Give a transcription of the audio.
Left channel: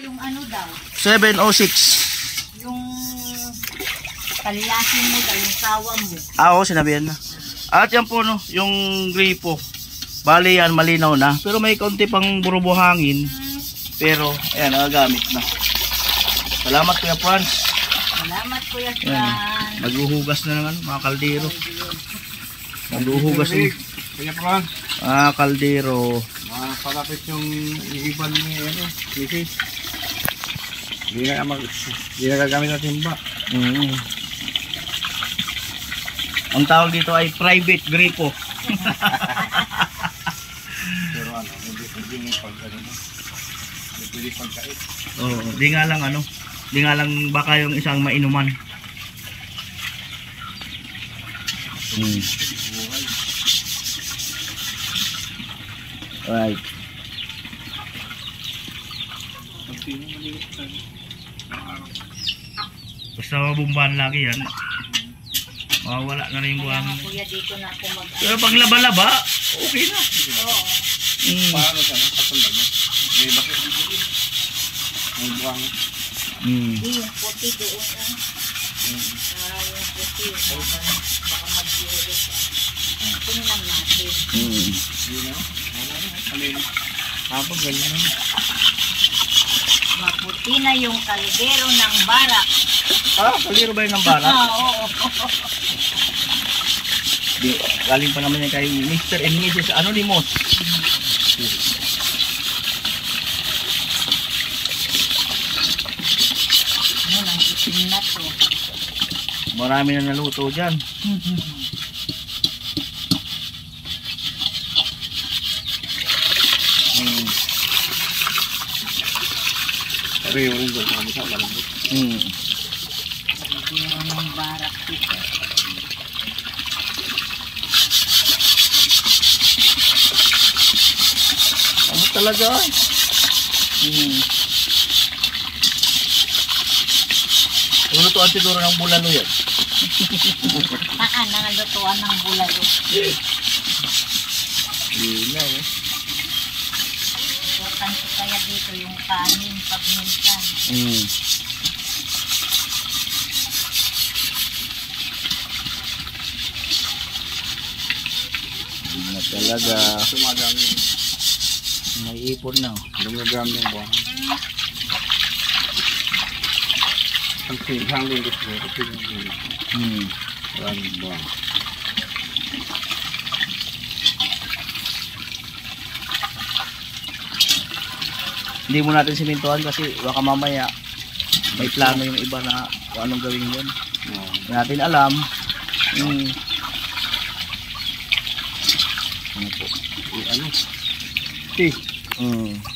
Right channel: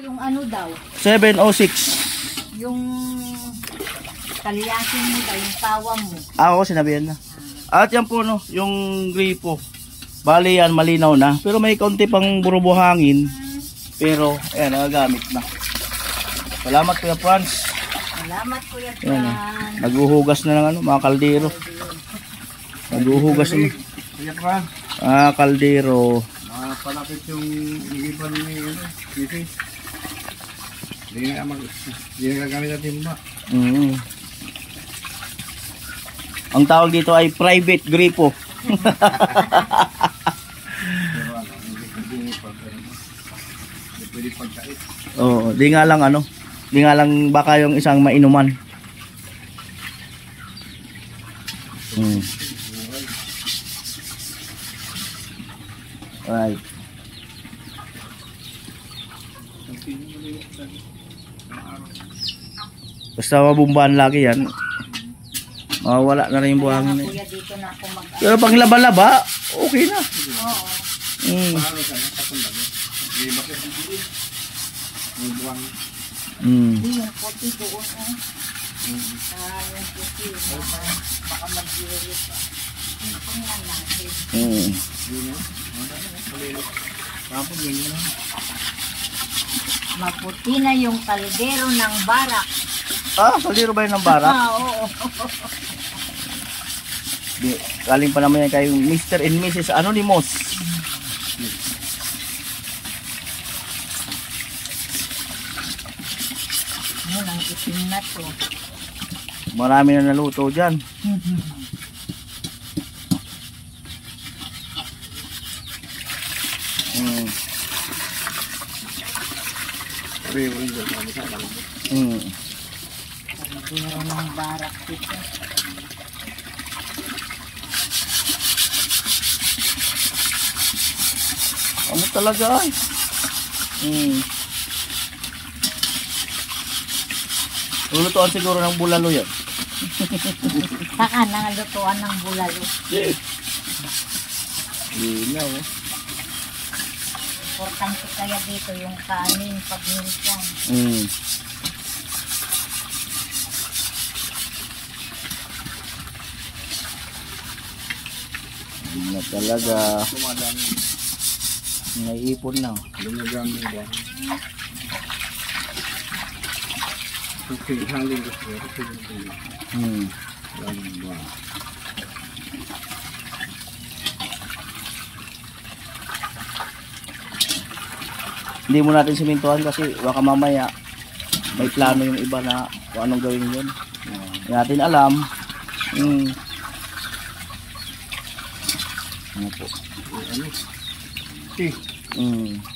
Yung ano daw? 706. Yung paliyasin mo daw, yung tawa mo. Oo, sinabihan na. At yan po, no, yung gripo. Bali yan, malinaw na. Pero may kaunti pang burubuhangin. Pero, ayan, nagagamit na. Salamat, Kuya Franz. Salamat, Kuya Ayan, Franz. naghuhugas na ng ano, mga kaldero. Naghuhugas ng Kuya Franz. kaldero. Palapit yung iiban ni ano, Fifi. Hindi na gagamit na timba. Ang tawag dito ay private gripo. Pero ano, hindi pag ano, hindi pwede pagkait. Oo, di nga lang ano, di nga lang baka yung isang mainuman. Right. Basta mabumbahan lagi yan. Mawawala na rin yung buhangin. Kuya, dito na ako mag- Pero pag laba-laba, okay na. Oo. Paano sa patundan mo? May bakit ang puti. May buwang. Yung puti doon ah. Yung puti. Baka mag-iulit ah. Tingnan natin. Hapon ganyan. Maputi na yung kaldero ng barak. Kaldero ba yun ng barak? Oo. Galing pa naman yan kay Mr. and Mrs. Anonymous. Yan ang itim na to. Marami na naluto dyan. Pero yung ugat na mo sa kalambot. Kaldero ng barak dito. Ano talaga ay? Lulutuan siguro ng bulalo yan. Nangalutuan ng bulalo. Linaw. Importante kaya dito yung kanin pag minsan. Hindi na talaga. Tumadami. Naiipon na. Dumagamit yung buwan. Ang lingkot ko. Maraming buwan. Hindi mo natin simintuhan kasi baka mamaya may plano yung iba na kung anong gawin yun. Hindi natin alam. Ano po? Ano?